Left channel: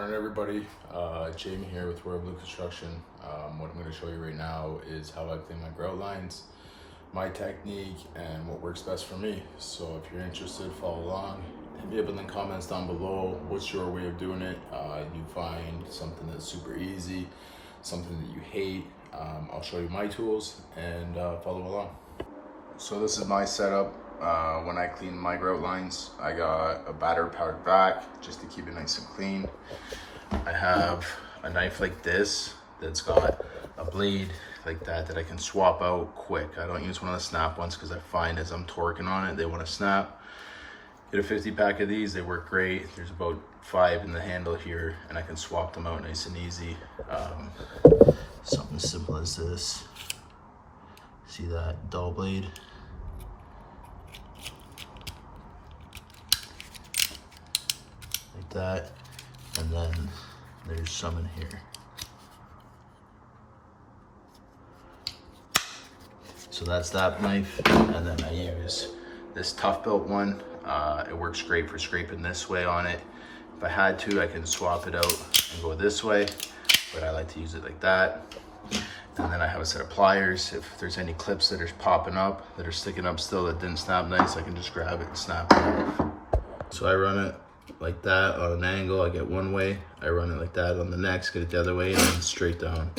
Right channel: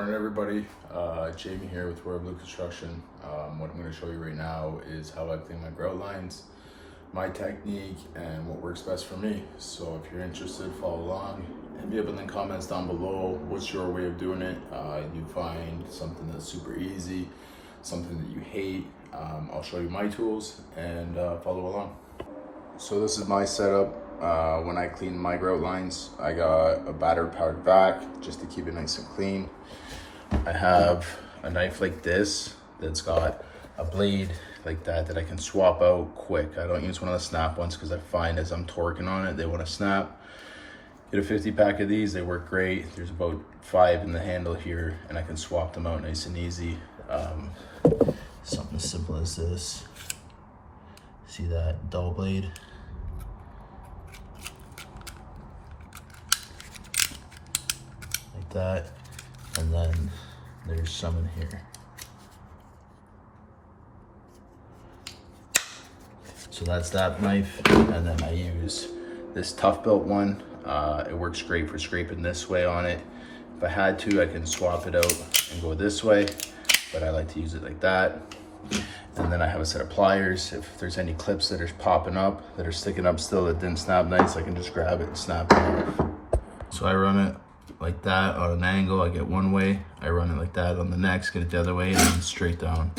Morning everybody, Jamie here with Royal Blue Construction. What I'm going to show you right now is how I clean my grout lines, my technique, and what works best for me. So if you're interested, follow along and be able to leave comments down below. What's your way of doing it? You find something that's super easy, something that you hate. I'll show you my tools and follow along. So this is my setup. When I clean my grout lines, I got a battered powdered vac just to keep it nice and clean. I have a knife like this that's got a blade like that I can swap out quick. I don't use one of the snap ones because I find as I'm torquing on it, they want to snap. Get a 50 pack of these, they work great. There's about 5 in the handle here and I can swap them out nice and easy. Something as simple as this. See that dull blade? That, and then there's some in here. So that's that knife, and then I use this tough belt one. It works great for scraping this way on it. If I had to, I can swap it out and go this way, but I like to use it like that. And then I have a set of pliers. If there's any clips that are popping up, that are sticking up still, that didn't snap nice, I can just grab it and snap it off. So I run it like that on an angle. I get one way, I run it like that on the next, get it the other way, and then straight down.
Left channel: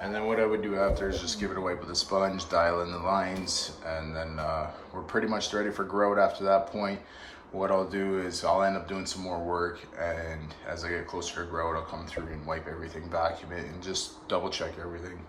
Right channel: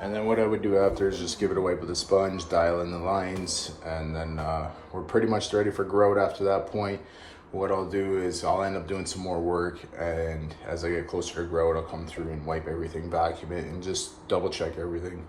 And then what I would do after is just give it a wipe with a sponge, dial in the lines, and then we're pretty much ready for grout after that point. What I'll do is I'll end up doing some more work, and as I get closer to grout, I'll come through and wipe everything, vacuum it, and just double check everything.